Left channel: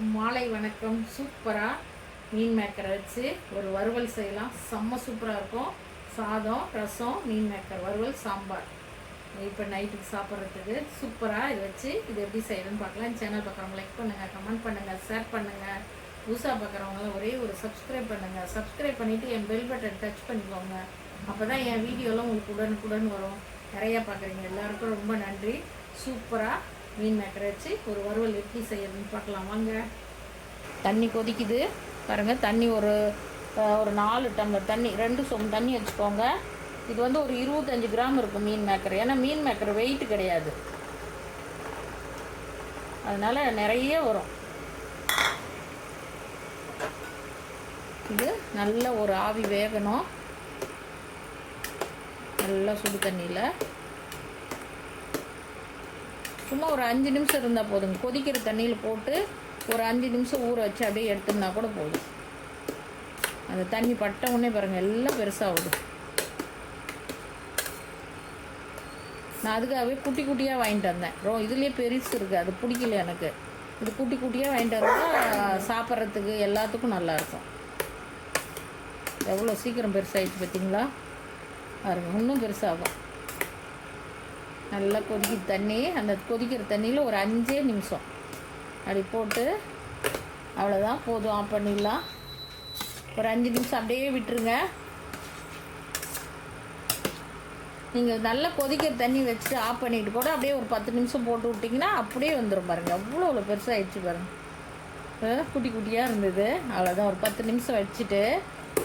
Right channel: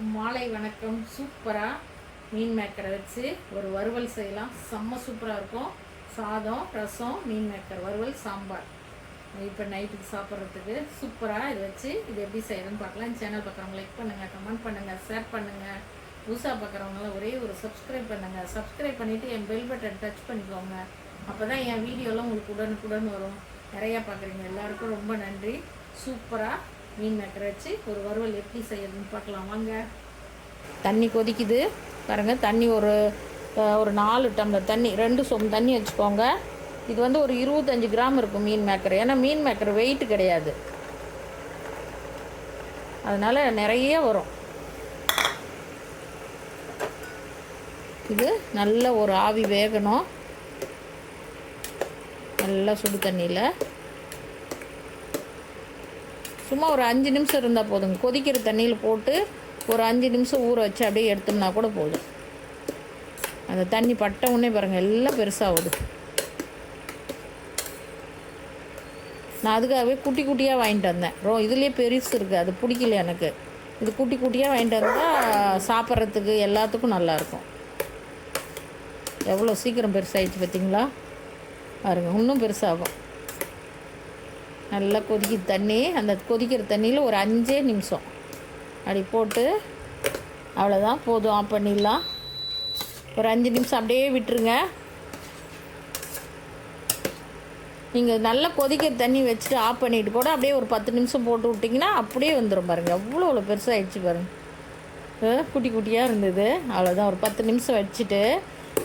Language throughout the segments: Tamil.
மாலை வணக்கம். சூப்பராக மீன் மேக்கரை வச்சு ஒரு வறுவல் செய்யலாம். செம்ம சூப்பராக இருக்கும். சாதம் ரசம் மீன் மேக்கர் வறுவல் சாம்பார். இப்போ நைட்டுக்கு சாப்பிட்றதுக்கு சூப்பராக இதை வச்சு இது எப்படி செய்யறதுன்னு பார்க்கலாம். சேனல் பார்க்குறவங்க லைக் பண்ணுங்கள் கமெண்ட் பண்ணுங்கள் ஷேர் பண்ணுங்கள் புதுசாக பார்க்குறவங்களாம் ஒரே ஒரு சப்ஸ்கிரைப் பண்ணுங்கள் சப்ஸ்கிரைப் பண்ணிவிட்டு என் பெல் பட்டன் டச் பண்ணிக்கோங்க. அப்போ தான் என் வீடியோலாம் உங்களுக்கு உடனுக்குடன் வரும். நிறையா பார்க்குறீங்க. எல்லாருக்கும் ரொம்ப நன்றி. சூப்பராக மீன் மேக்கரை வச்சு ஒரு வறுவல் எப்படி செய்யறதுன்னு பார்க்கலாம். வாங்க. தண்ணி கொதிக்குது. பாருங்கள் தண்ணி ஒரு ஒரு நாலு டம்ளர் தண்ணி ரெண்டு சொம்பு தண்ணி வச்சுக்கோங்க. இது வந்து ஒரு இருபத்தஞ்சு கிராம் இருக்கும் மீன் மேக்கர். ஏன்னா மீன் மேக்கர் வெயிட் கிடையாது. அதனால் நிறைய வரும். இது நல்ல ஒரு ஆவி வேகணும். நல்லா சுடு தண்ணியில். சும்மா ஒரு அஞ்சு நிமிஷம் இருந்தால் போதுங்க. கொதிக்கிற தண்ணியில் போட்டு ஒரு அஞ்சு நிமிஷம் ஊற வச்சு அப்படியே எடுத்தோம்னா கூட போதும். அந்த தண்ணி பட்ட உடனே பாருங்கள் எல்லாம் பெருசாகுது. நான் அதுக்காகவே குட்டி குட்டியாக வாங்கிட்டு வந்தேன். ரோ இதுலேயே பெருசு இருக்குது அது பிடிக்கல எனக்கு. இது குட்டி குட்டியாக வாங்கிட்டு வந்தால் சாப்பிட்றதுக்கு எல்லாத்துக்கும் நல்லாயிருக்கும் எவ்வளோ சீக்கிரம் பெருசாகிடுச்சு பார்த்தீங்களா பாருங்க இன்னும் பெருசாகும். நல்லா கொதிக்கிற தண்ணி அந்த கொதிக்கிற தண்ணியில் ஒரு அஞ்சே நிமிஷம். அப்படி போட்டு அவ்வளோதான் போதும் ஆஃப் பண்ணிடலாம். ஒரு அஞ்சு நிமிஷம் அப்படியே விட்டுருங்க. நீங்கள் நல்லா கொதிக்கிற தண்ணி வச்சுட்டு ஆஃப் பண்ணிட்டு கூட அப்படியே ஒரு பத்து நிமிஷம் போட்டு விட்டிங்கன்னா அப்படியே வந்துடும் பாருங்கள் அவ்வளோ அவ்வளோ பெருசாக ஆயிடுச்சு பாருங்கள் குட்டி குட்டியாக இருந்தது. அவ்வளோதான் ஒரு பத்து நிமிஷம் வச்சுட்டு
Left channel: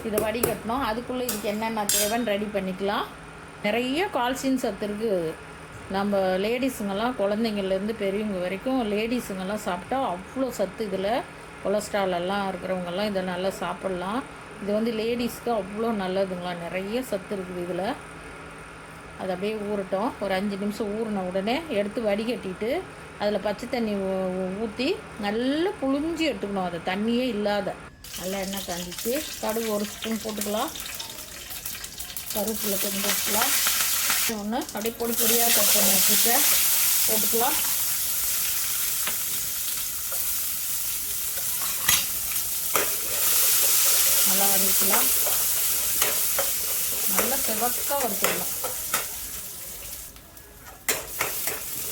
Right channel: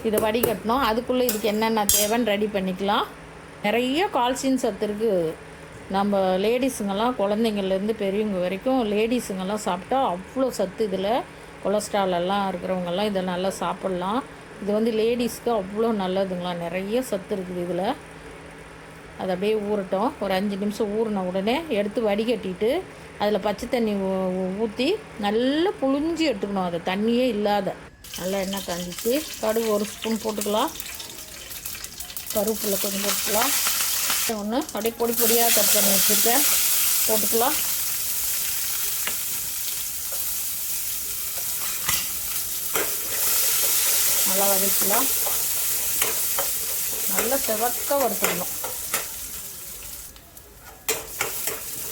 இதை வடிகட்டணும். அதுக்குள்ளே இதுக்கு என்னென்ன தேவைன்னு ரெடி பண்ணிக்கலாம். நிறைய கால்சியம் சத்து இருக்குது நம்ம லேடிஸுங்கெல்லாம் குழந்தைங்கள்லேருந்து பெரியவங்க வரைக்கும் லேடிஸுங்கெல்லாம் சாப்பிட்டா அவ்வளோ சத்து இதில். கொலஸ்ட்ரால் எல்லாம் இருக்கிறவங்கெல்லாம் இதை நல்லா சாப்பிட்லாம். இது வந்து லேடிஸ்க்கு அவ்வளோ நல்லதுங்களா? நிறைய சத்து இருக்குது இதில். அது அப்படியே ஊறட்டும். ஒரு அஞ்சு நிமிஷம் ஊறின உடனே எடுத்து வடிகட்டிட்டு அதில் பச்சை தண்ணி ஊற்றி நல்லா புழிஞ்சி எடுத்துக்கணும். அதை தண்ணியே இல்லாத. நல்லா எண்ணெய் காஞ்சிச்சு. கடுகு ஒரு ஸ்பூன் போட்டுக்கலாம். கருவேப்பிலை கொஞ்சம் போட்டுக்கலாம். ஒன்று. அப்படியே பொடி பொடியாக கட் பண்ணி வச்சுருக்கேன் போட்டுக்கலாம். நல்லா வதக்கலாம். நல்லா செவக்க வறுத்துக்கலாம்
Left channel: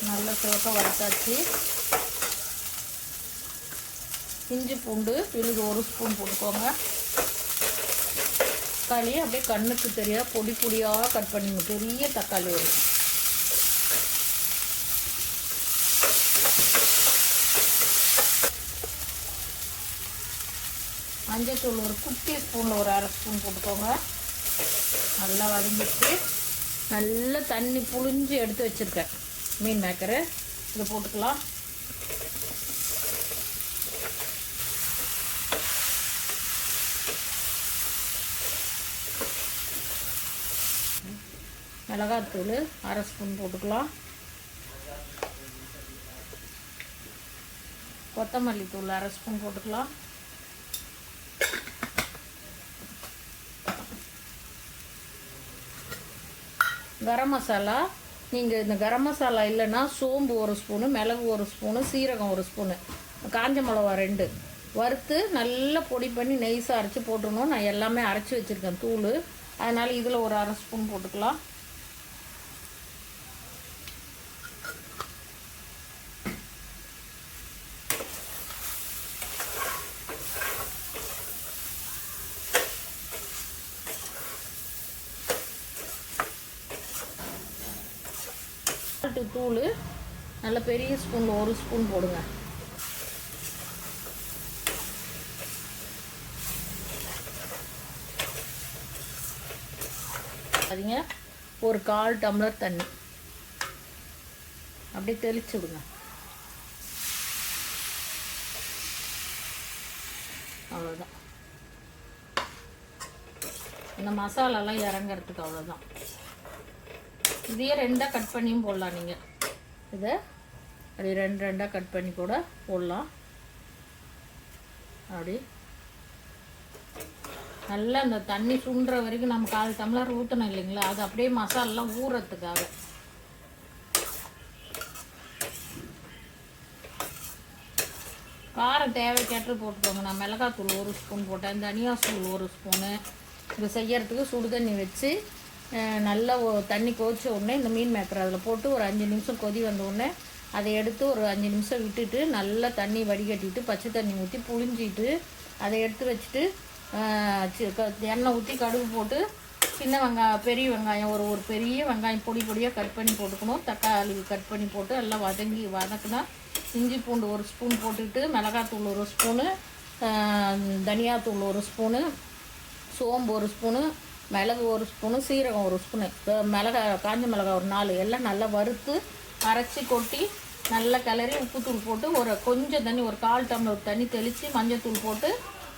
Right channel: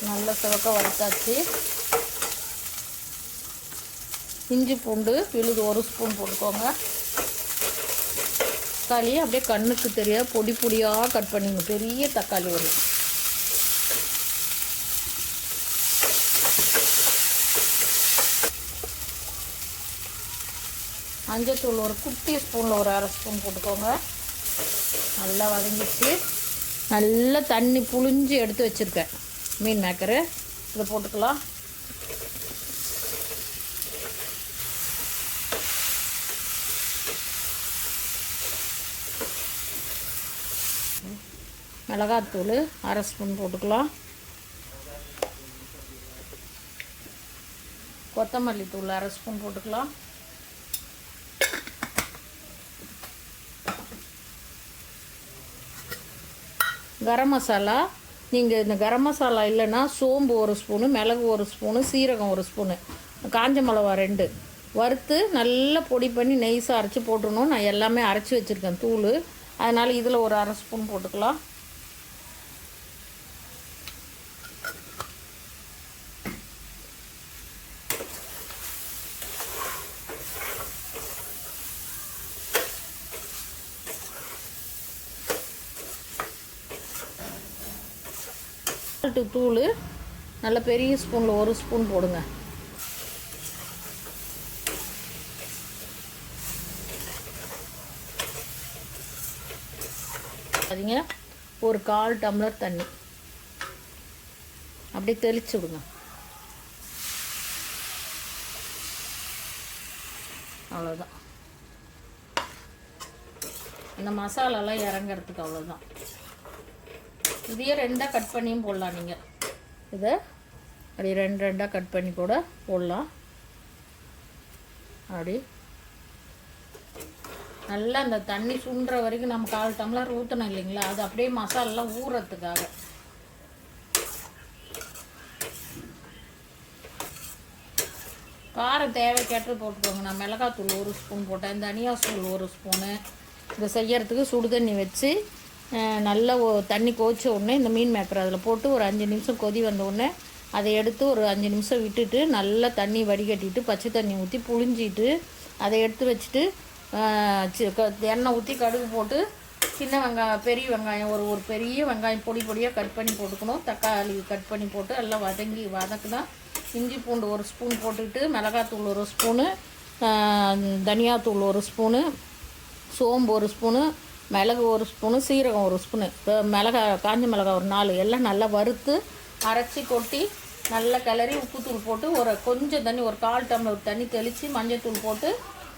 நல்லா சிவக்க வறுத்தாச்சு. இஞ்சி பூண்டு விழுது ஒரு ஸ்பூன் போட்டுக்கோங்க. தக்காளியை அப்படியே கண்ணுக்கு தெரியாத பொடி பொடியாக கட் பண்ணிங்க பெரிய தக்காளி வரும் மஞ்சத்தூள் ஒரு குட்டி ஸ்பூனில் ஒரு அரை ஸ்பூன் போட்டுக்கோங்க. நல்லா வதங்கிச்சு நல்லா தண்ணி புழிஞ்சு எடுத்து வச்சுருக்கேன். மீன் மேக்கரு. இதை போட்டுக்கலாம். மிளகாத்தூள் அரை ஸ்பூன் போட்டுக்கலாம். கொத்தமல்லி தூள் அரை ஸ்பூன் போட்டுக்கலாம். கரம் மசாலா நீங்கள் இந்த கரம் மசாலா இல்லைன்னா சோம்பு ஒரு ஸ்பூனு மிளகு ஒரு ஸ்பூனு சீரகம் ஒரு ஸ்பூனு. காஞ்ச மிளகா ரெண்டு. வறுத்து நல்லா பொடி பண்ணி நெய்ஸாக அரைச்சி போட்டுடணும். நான் எல்லாமே அரைச்சி வச்சுருக்கேன் தூள். அதனால் இதில் ஒரு அரை ஸ்பூன் போட்டுக்கலாம். சால்ட்டு தூள் நல்ல பெரிய ஸ்பூனில் ஒரு ஸ்பூன் போடுங்க. சரிங்க ஒரு கால் டம்ளர் தண்ணி. அப்படியே தெளிச்சு விடுங்க. அவ்வளோதான் இந்த மசாலாலாம் இறங்குறதுக்கு அவ்வளோதான் இதையே ரெண்டாக கட் பண்ணியும் போடலாம் நீங்கள் இதை அப்படி ரெண்டு ரெண்டாக கட் பண்ணி கூட போடலாம். அப்படி. நல்லா இந்த தண்ணி சுண்டுற வரைக்கும் நம்ம கால் டம்ளர் ஊற்றணும் இல்லைங்களா? அது அப்படியே மசாலாலாம் ஊறுறதுக்காக காரம் தேவைக்கேற்று போட்டுக்கோங்க. நான் மிளகாத்தூள் ஒரு ஸ்பூன் போட்டேன். தனியா தூள் ஒரு ஸ்பூனு. இதை செய்யறதுக்கு சுடு தண்ணி வச்சு நல்லா தண்ணி கொதிச்ச உடனே இந்த மீன் மேக்கர் அதில் போட்டு ஒரு அஞ்சு நிமிஷம் கொதி வந்த உடனே அதை எடுத்து ஒரு அஞ்சு நிமிஷம் விட்டுட்டு நல்லா தண்ணி வடிகட்டிட்டு பச்சை தண்ணி ஊற்றி புழிஞ்சிட்டு அதை எடுத்து வச்சுட்டு க- எண்ணெய் ஊற்றி கடுகு போட்டு சின்ன வெங்காயம் பெரிய வெங்காயம் ஒரு ஒரு பெரிய வெங்காயம் பொடி பொடியாக கட் பண்ணி போட்டுக்கணும். தக்காளி கட் பண்ணி போட்டு எல்லாம் வதங்கி வதக்குனா இஞ்சி பூண்டு ஒரு ஸ்பூன் போட்டுக்கிட்டு மிளகாத்தூள் ஒரு ஸ்பூனு தனியாத்தூள் ஒரு ஸ்பூனு சோம்பு ஒரு ஸ்பூனு மிளகு ஒரு ஸ்பூனு சீரகம் ஒரு ஸ்பூனு. இப்போ மிளகா காஞ்ச மிளகா ஒரு நாலு எல்லாம் நல்லா வறுத்து அரைச்சி கொட்டி நல்லா கிளறி உப்புத்தூள் போட்டு ஒரு கொஞ்சம் தண்ணி ஒரு கால் டம்ளர் தண்ணி தெளித்து மஞ்சத்தூள் போட்டு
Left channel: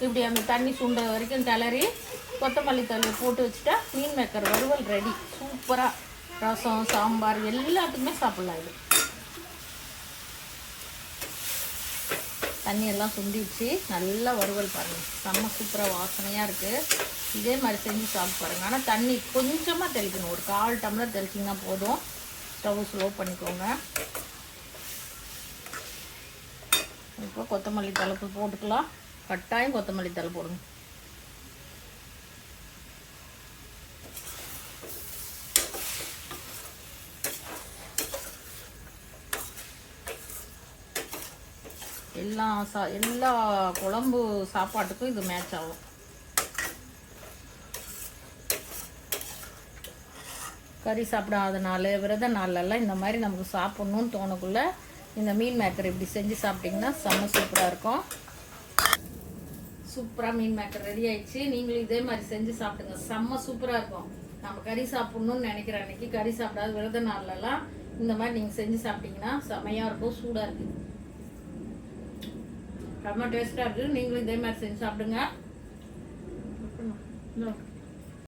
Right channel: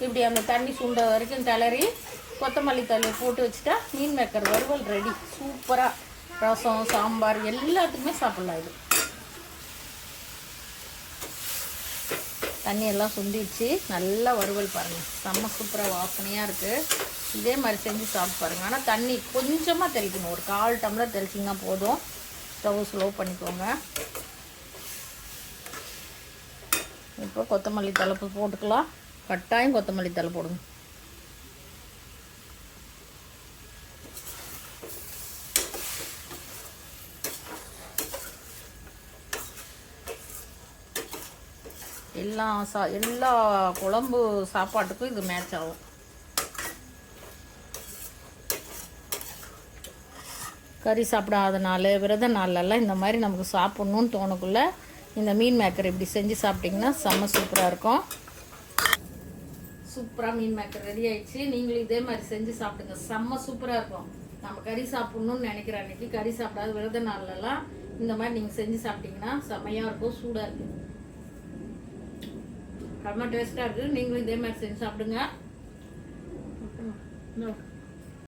இப்படி அந்த தண்ணி சுண்ட வரைக்கும் கிளறி கொத்தமல்லி தள்ளி போட்டு வச்சுட்டா மீன் மேக்கர் வறுவல் ரெடி சூப்பராக ரசம் சாம்பார் எல்லாத்துக்குமே சாப்பிட்லாம் இது. தண்ணியெல்லாம் சுண்டிடுச்சு. நல்லா வறுவல் பாருங்கள் செம்ம சூப்பராக வாசனையாக இருக்குது இதே மாதிரி செஞ்சு சாப்பிட்டு பாருங்கள் ஆனால் தண்ணி கொஞ்சமாக தெளிக்கணும். ஒரு கால் டம்ளர் தெளிச்சிங்கன்னா போதும். ஸ்டவ் ஸ்லோ பண்ணிக்கோங்க. இப்போ கொத்தமல்லி தலைப்பு போட்டுக்கலாம். கட்டாயம் கொத்தமல்லி தலை போடுங்க. எல்லா சா எல்லா குழம்பு சாப்பாட்டுக்கும் இது மேட்ச் ஆகும். கறி சாப்பிடாத நாள் விரத நாள்லலாம் இந்த மாதிரி நமக்கு சாப்பிட்ணுன்னு தோணக்குள்ள இந்த மீன் மேக்கர் இப்படி செஞ்சு சாப்பிட்டிங்கன்னா செம்ம சூப்பராக இருக்கும். சூப்பராக மீன் மேக்கர் ரெடி ஆயிடுச்சு. நீங்களும் இதே மாதிரி செஞ்சு சாப்பிடுங்க. செம்ம சூப்பராக இருக்கும். நம்ம கறி சாப்பிட்ணுன்னு நினைக்கிற அன்னைக்கு கறி சாப்பிடாத விரத நாள்லலாம் இந்த மாதிரி நீங்கள் செஞ்சு சாப்பிட்டிங்கன்னா செம்மையாக இருக்கும் சூடாக இருக்குது செம்ம டேஸ்ட்டாக இருக்குது நீங்களும் இதே மாதிரி செஞ்சு சாப்பிடுங்க.